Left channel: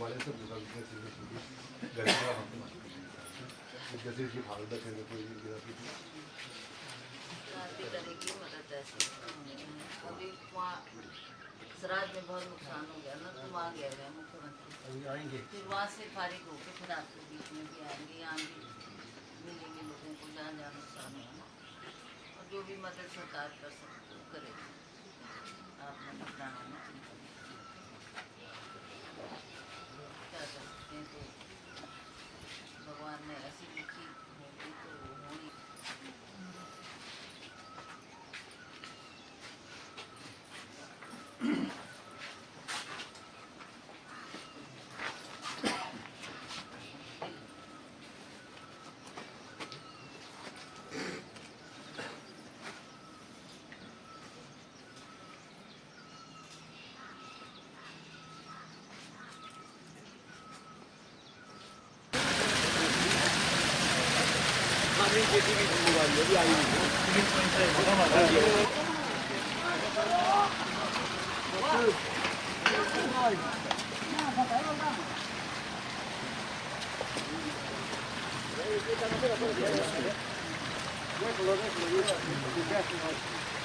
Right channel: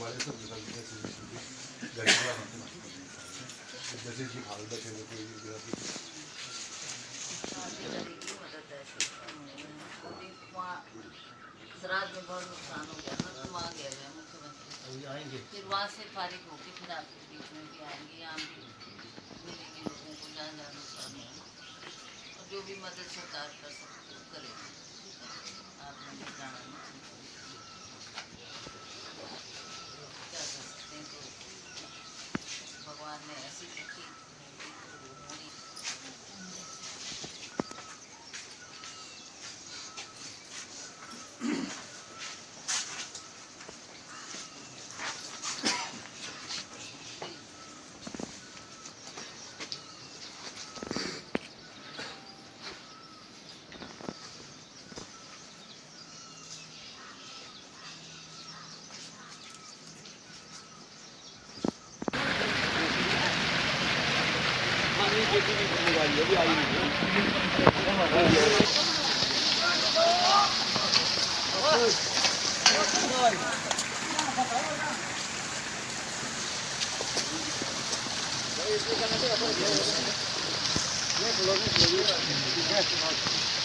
हमारे सब जैसे कि हाल में थे कोई श्राद्ध में बहुत नुकसान हो गया ना, तो वहाँ गए हुए हैं मुख्यमंत्री, आएंगे फिर वहाँ से फारिग होके फिर आपके बीच में भी आएंगे, यहाँ भी मिलेंगे लोगों को जहाँ जहाँ नुकसान हुआ ना, और जो भी मदद सरकार कर सकती है करेगी। आप मंदिर जाना नहीं चिंता क्या कर सकते हैं, तो भगवान ने ऐसी लिखी होगी तो वो होनी।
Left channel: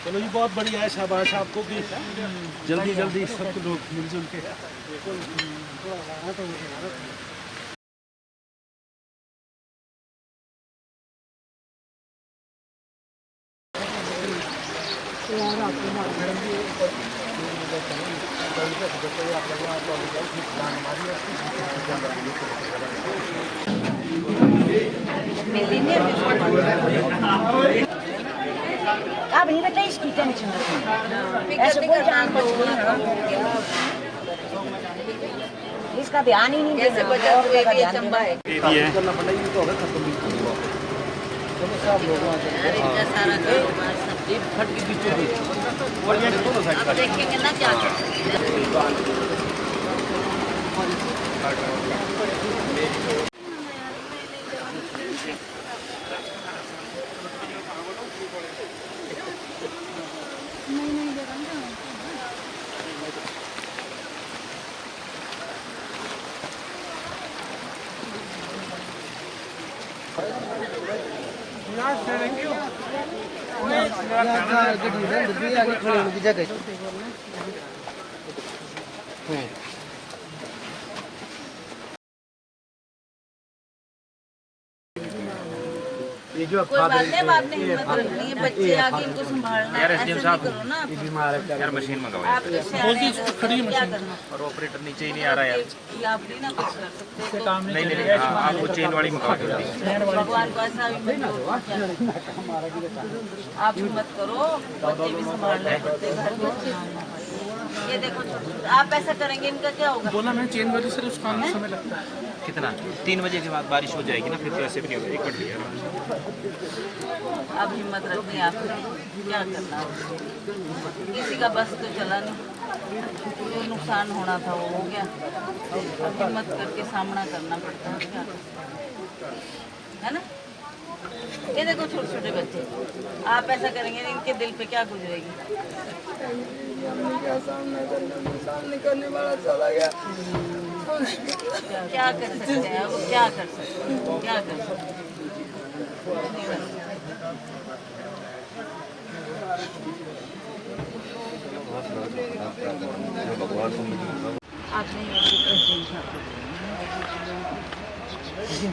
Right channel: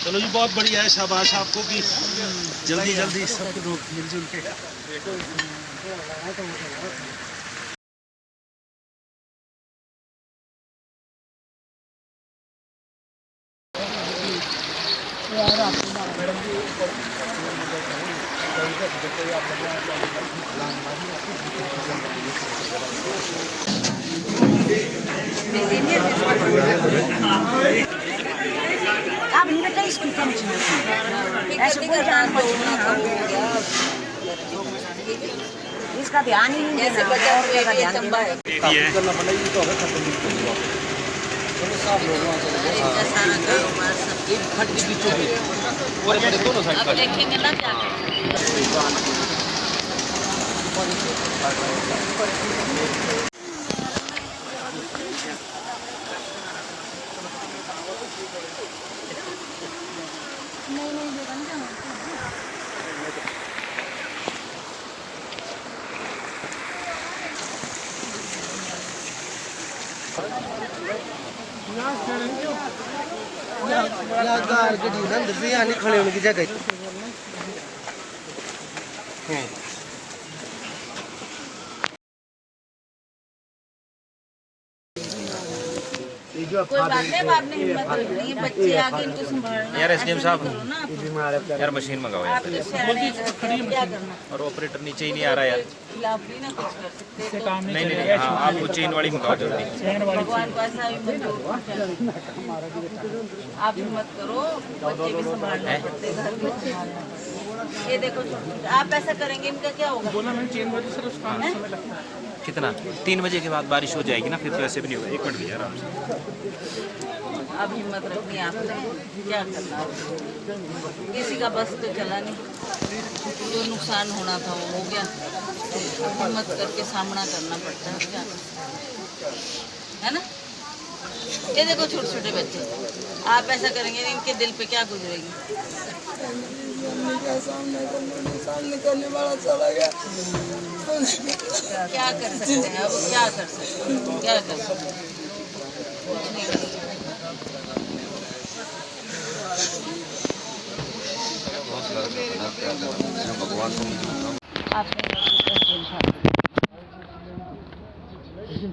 चलो जी, बहुत बढ़िया है, शाबाश आपको कि जल्दी जल्दी सब लोग मिलजुल के। आप नहीं बताइए इसकी टेंशन ऐसे कोई जान हो इसका ध्यान ही नहीं जैसे बचा हुए भी चंबा है करना पड़ेगा तो होगा खत्म नहीं होगा। चलो सब लोग वहाँ चले गए एक खट के बीचों बीच और बड़े दोनों साइड का देखेंगे ना क्या कोई बात नहीं, अब आपने हिम्मत रखनी है, बच्चे आगे इनको संभालना है, ऐसे नहीं करो ना आप। यार मशीन मंगाओ आप इससे आ रहे हैं, क्या करना और ऑपरेटर नीचे ही नहीं आ रहा यार। खिलाफ भी ना कुछ कर सकते हो तो नहीं नहीं नहीं, हाँ, आप वो चेन वाली मंगाओ जल्दी। भगवान को ऐसा ही मंजूर हो क्या। आप हिम्मत करो, बच्चे भी संभालने पड़ते, घर भी संभालना पड़ता। ये देखो आप ऐसा करेंगे इनका क्या होगा। बोला मैं चेन वाली सर उसका समय लगता है कितना 3 बजे के बाद बारिश हो जाएगी ना, फिर तो ऐसे भी नहीं होगा। 1 मिनट भैया आराम से। अब हिम्मत रखनी है आपने, क्या करना अब। किसी का बस तो चला नहीं, जो नुकसान होना था वो हो गया, अब हिम्मत करके सामना करना पड़ता है, क्या कर सकते है ना। ये देखो छोटे छोटे बच्चे, आप ऐसा करेंगे इनके दिल पे क्या गुजरेगी। करने वाला चला गया। क्या कर सकते हैं अब, क्या कर सकते हैं, क्या कर सकते हैं, कुछ नहीं कर सकते। आपने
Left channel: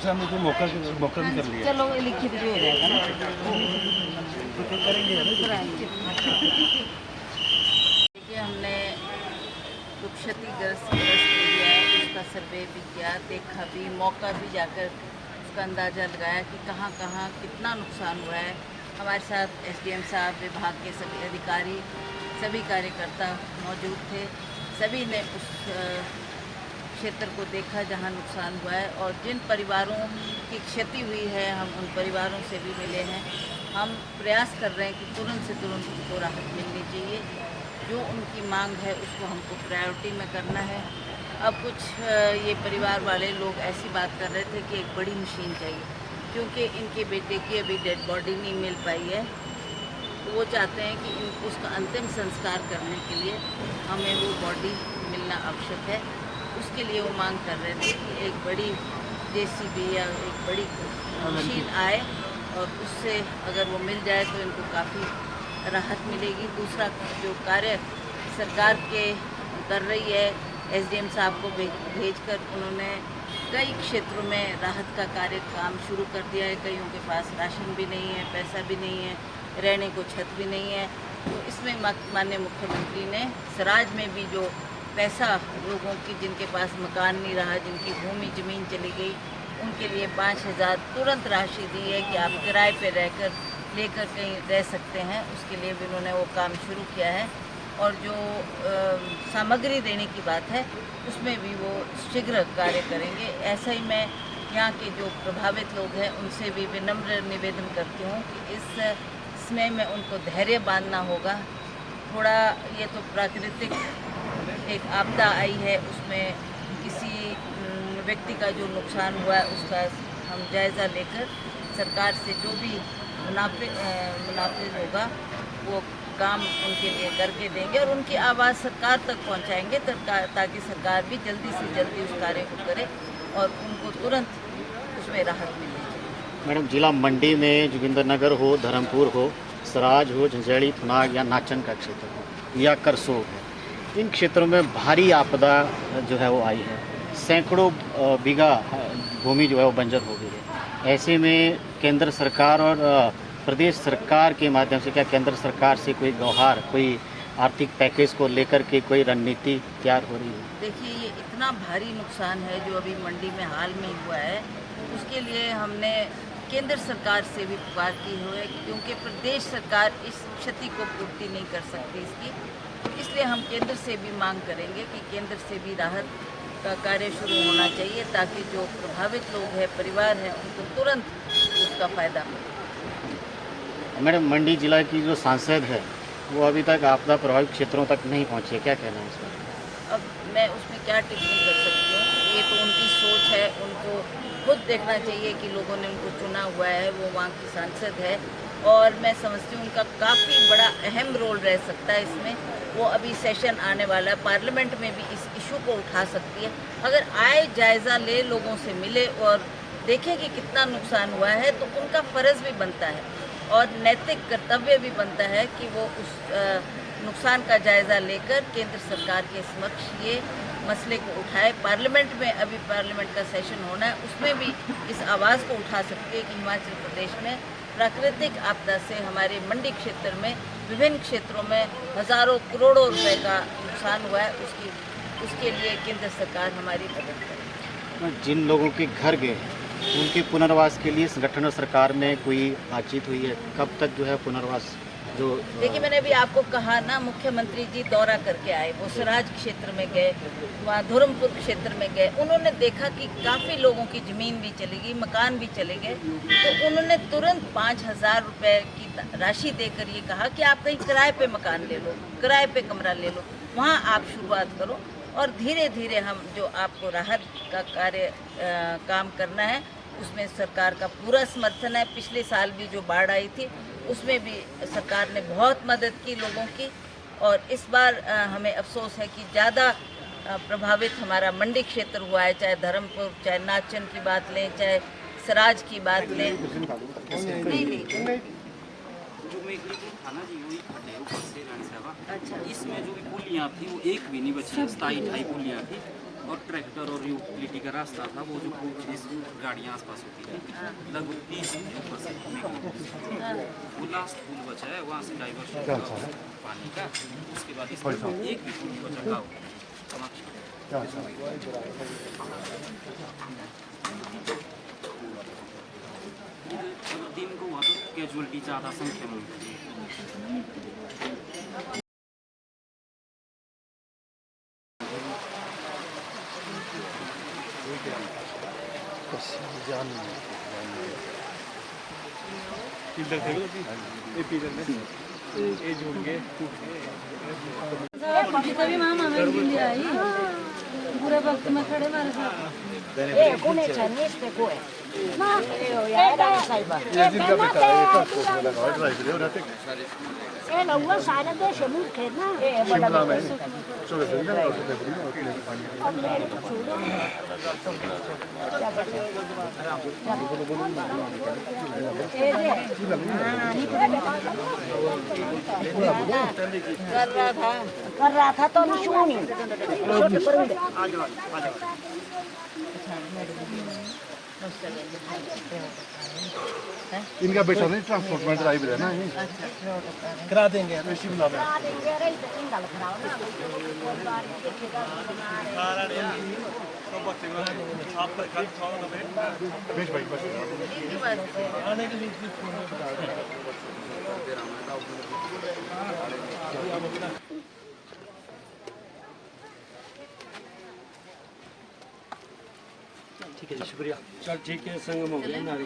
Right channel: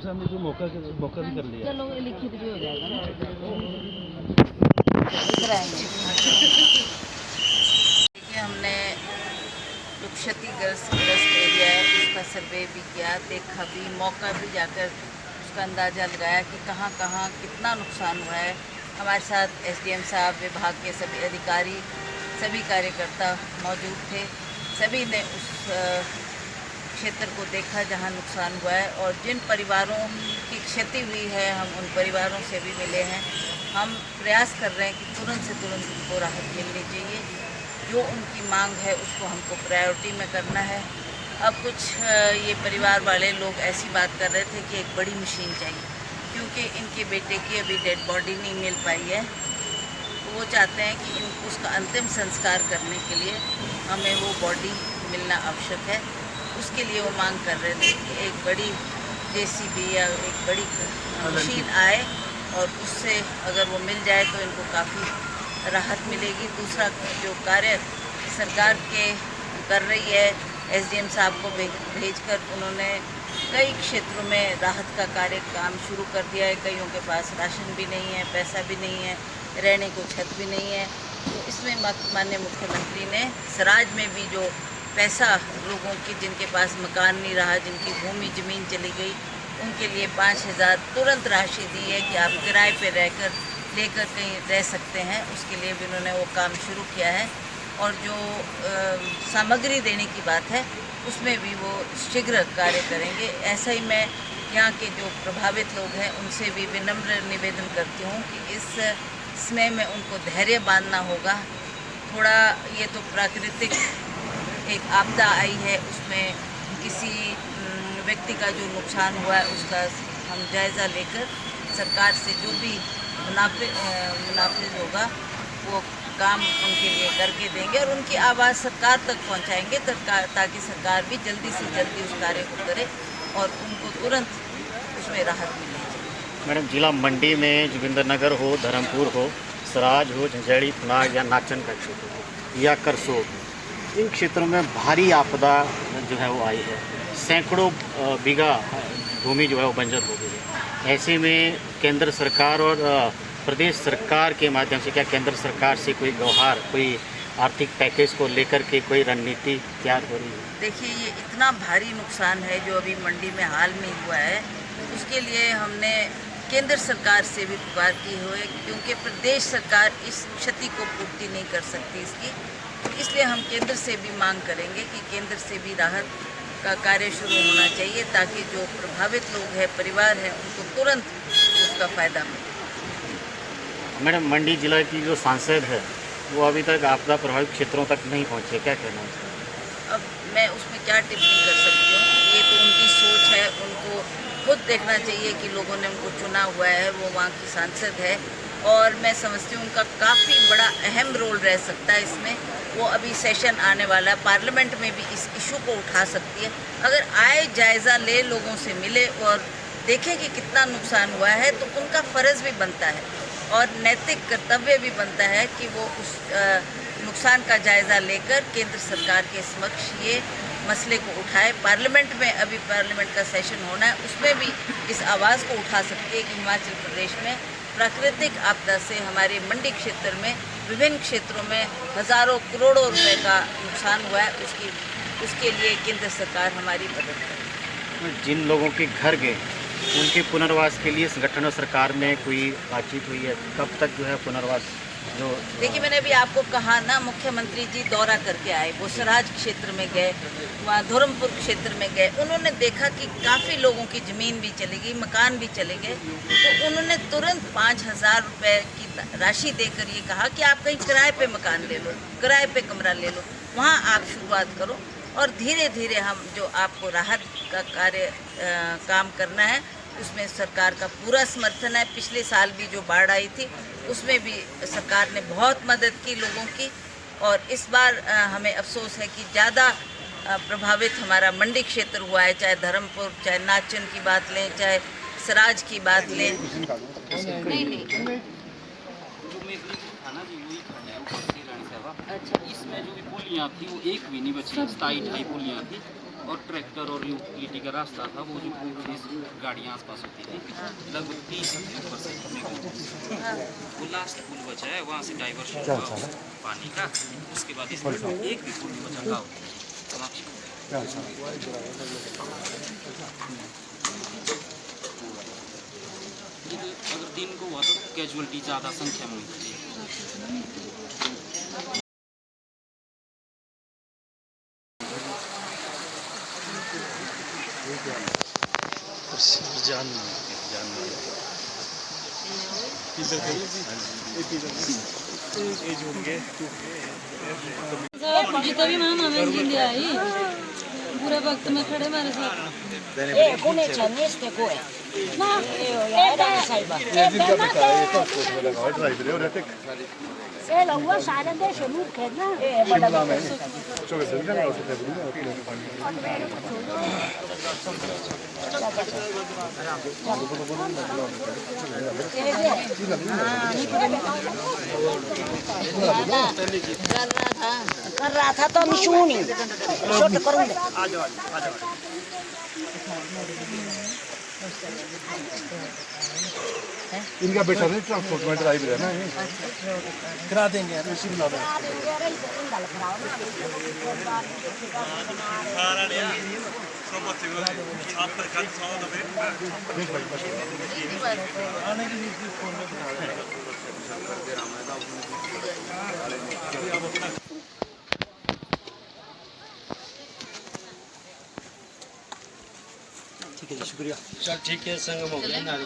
साहब ने तो मौका भी कर लिया। चलो लिखित भी हो जाएगा ना, देखिए हमने जो क्षतिग्रस्त एरिया है उसका सर्वे भी किया, देखा भी, मौका भी जाकर उसका अंदाज़ा लगाया कि कहाँ कहाँ कितना नुकसान हुआ है। हमारे साथ एसडीएम साहब, विभाग के सभी अधिकारी, सभी कार्यकर्ता मौजूद थे। सभी ने उस क्षेत्र को देखा जहां नुकसान हुआ है, और जिन परिवारों की क्षति हुई है हम उन परिवारों से भी मिले हैं। हम प्रयास कर रहे हैं कि तुरंत से तुरंत उनको राहत मिलनी चाहिए, जो उनकी मांग है उसको हमको प्रायोरिटी में करना है। अब कुछ ये परिवार वाले लोग ऐसी बात कर रहे थे कि एक बड़ी मशीन चाहिए, क्योंकि इनके बेटे की अभी डेड बॉडी नहीं मिल पाई है, तो वो चाहते हैं कि उसका अंतिम संस्कार करने के लिए हमें वो बॉडी मिलना आवश्यक है। उसके लिए वो मांग कर रहे थे कि एक बड़ी JCB या एक बड़ी मशीन आए और उससे अगर वो मिल जाए तो इनको काफ़ी राहत मिलेगी। दूसरा जो कार्य सरकार के कर रही है, SDM साहब को भेजकर उन्होंने कई क्षेत्रों में राहत का कार्य काम शुरू कर दिया है। कईयों के पास राशन भी नहीं है, पैसा भी नहीं है, रहने को छत भी नहीं है। तो इसमें माननीय मुख्यमंत्री ने सराज में भी जो पैसा लोगों की जिनके पास मकान नहीं रहा, जिनकी भूमि ज़मीन चली गई, उनके लिए 5,000 तुरंत राशि दी है कि आप किराए पे रहकर लेकर कहीं रह सकते हैं। उसके लिए भी उन्होंने वो काम शुरू किया है। और जो सामग्री देने की बात है उसमें भी वो शीघ्र कार्य करेंगे। ऐसा ही मैं यहाँ के जो प्रभावित लोग हैं उनसे भी विनम्र निवेदन करती हूँ कि इस समय में उनको धैर्य बांधना होगा। थोड़ा ये तो प्राकृतिक एक आपदा आई है, उसमें किसी व्यक्ति का जो नुकसान हुआ है उसका हम जायज़ा लेकर सरकार से जो भी मुनाफे होगा वो काम उनके लिए करके देंगे और उनकी आवाज़ सरकार तक पहुंचाएंगे ताकि सरकार भी जल्दी से जल्दी उस कार्य को करे और उनको तुरंत उसमें राहत मिलनी चाहिए। मैडम, जिला मंडी में जोगिंदर नगर हो, धर्मपुर हो, सराज हो, झंझेड़ी, पुनाग या नाचन का क्षेत्र हो या करसोग, इन क्षेत्रों में भारी आपदा जो है वो आई है। सैकड़ों बीघा भूमि जो है वो बंजर हो गई है। ऐसे में केंद्र सरकार और प्रदेश सरकार के माध्यम से क्या केंद्र सरकार से कोई व्यवहार, कोई आर्थिक पैकेज को लेकर के कोई रणनीति तैयार हो रही है? देखिए, ये इतना भारी नुकसान है जो अभी मंडी में हाल में हुआ है, उसके लिए हमने केंद्र सरकार से भी गुहार की हुई, क्योंकि प्रदेश सरकार इस क्षति को पूर्ति नहीं कर सकती इसकी। तो इसलिए हम केंद्र से भी मांग करेंगे कि केंद्र से भी राहत का कार्य शुरू होना चाहिए ताकि जो प्रभावित लोग हैं, परिवार हैं, उनको तुरंत उसका फ़ायदा मिले। मैडम, मंडी जिला की जो सांसद है वो अभी तक आपदा प्रभावित क्षेत्रों तक नहीं पहुँचे, क्या कहना है? अब मैं उसमें क्या टिप्पणी कर सकती हूँ? ये तो उनकी सोच है, उनको खुद देखना चाहिए कि लोगों ने उनको चुना हुआ है, वो वहाँ की सांसद है और मैं समझती हूँ उनका काफ़ी बड़ा अहम रोल रह सकता है इसमें। वो अभी सेशन आने वाला है, पार्लियामेंट में भी इस इशू को उठा सकती है। अगर आए, जायज़ा ले, लोगों से मिले और देखें कि कितना नुकसान हुआ है, तो उनका फ़र्ज़ भी बनता है और नैतिक कर्तव्य भी बनता है कि वो उस नुकसान का जायज़ा लेकर केंद्र सरकार के समक्ष ये मसले को उठाए। पार्लियामेंट में अभी पार्लियामेंट का सेशन होना है, उसमें भी इस आवाज़ को उठा सकती है कि हिमाचल प्रदेश में प्राकृतिक आपदा से हमारे मंडी क्षेत्र में विभिन्न क्षेत्रों में हज़ारों करोड़ों रुपए का नुकसान हुआ है, उसके लिए केंद्र सरकार हमारी मदद करे। जिन लोगों के घर गए उनके पुनर्वास के लिए संगठन और सरकार में कोई बातचीत हुई है? कब तक जो है पुनर्वास? जो देखिए, मैंने अभी आपको कहा ना, मुख्यमंत्री जी दौरा करके आए, वो सराज क्षेत्र में गए, वहाँ धर्मपुर क्षेत्र में गए, उन्होंने देखा कि काफ़ी लोगों की ज़मीन भी चली गई, मकान भी चले गए, तो उन्होंने तुरंत 5,000 रुपये की राशि देकर ये कहा कि आप कहीं किराए पे मकान ले लो, किराए पे कमरा ले लो, वहाँ आप शुरुआत करो और धीरे धीरे हम जो आपको राहत का कार्य काम करना है उसमें सरकार का पूरा समर्थन है। पिछले साल भी जो बाढ़ आई थी उसमें भी सरकार ने बहुत मदद की लोगों की और इस बार हमें अफसोस है कि ज़्यादा प्रभावित हमारा मंडी क्षेत्र हुआ है, चाहे धर्मपुर, चाहे नाचन की बात लें, चाहे सराज की बात लें। नहीं जो मेघलीपुर था ना जी, वही खड्डे ऊपर से रानी साहबा। अच्छा, इसमें जो भी पुलियाँ थी वो एक भी नहीं बची, 27-28 पुलियाँ थी और ट्रैक्टर और यूटिलिटी का रास्ता था, वो जो गाड़ियाँ आसपास होती थी, लगभग 30 ऊपर से वो लास्ट पुल बचा है, वहाँ से डाइवर्शन पानी का। उसके बाद इसमें एक भी पुल नहीं बचा गाँव कामाक्षी। अगर दिन को हुआ तो कैजुअलिटी ज़्यादा संख्या में हुई थी। जितना भी मामा मैं जिंदगी आई बुरे वक्त में खड़े मारे साथ Come c'è niente come? Ma io ya da sai ba. ये लौंगा सारे देश मुंह खेलना ये बड़ा कर रहा था तो मैं सुनू नहीं छोटे करूंगा इनका बेटा नहीं ट्रांसपोर्ट में ड्राइवर है ना करा देंगे ठीक है शुक्रिया चल ठीक है संगम हो गया ना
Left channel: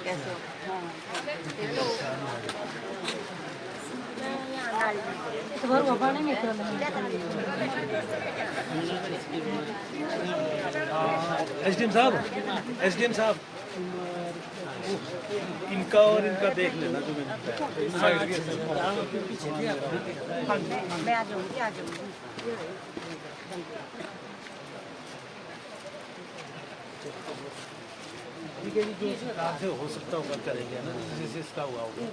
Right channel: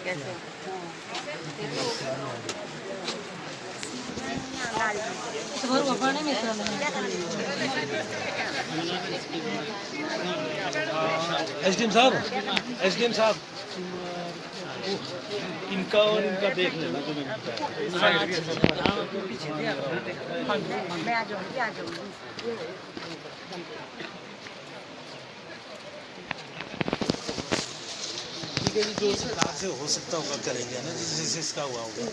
कैसे घर बाबा ने मित्र एसडीएम साहब इनका और इनका देख लेना तुम्हें मैं आ जाऊंगी से हो सकता होगा करेंगे ना जिससे इसका हुआ होगा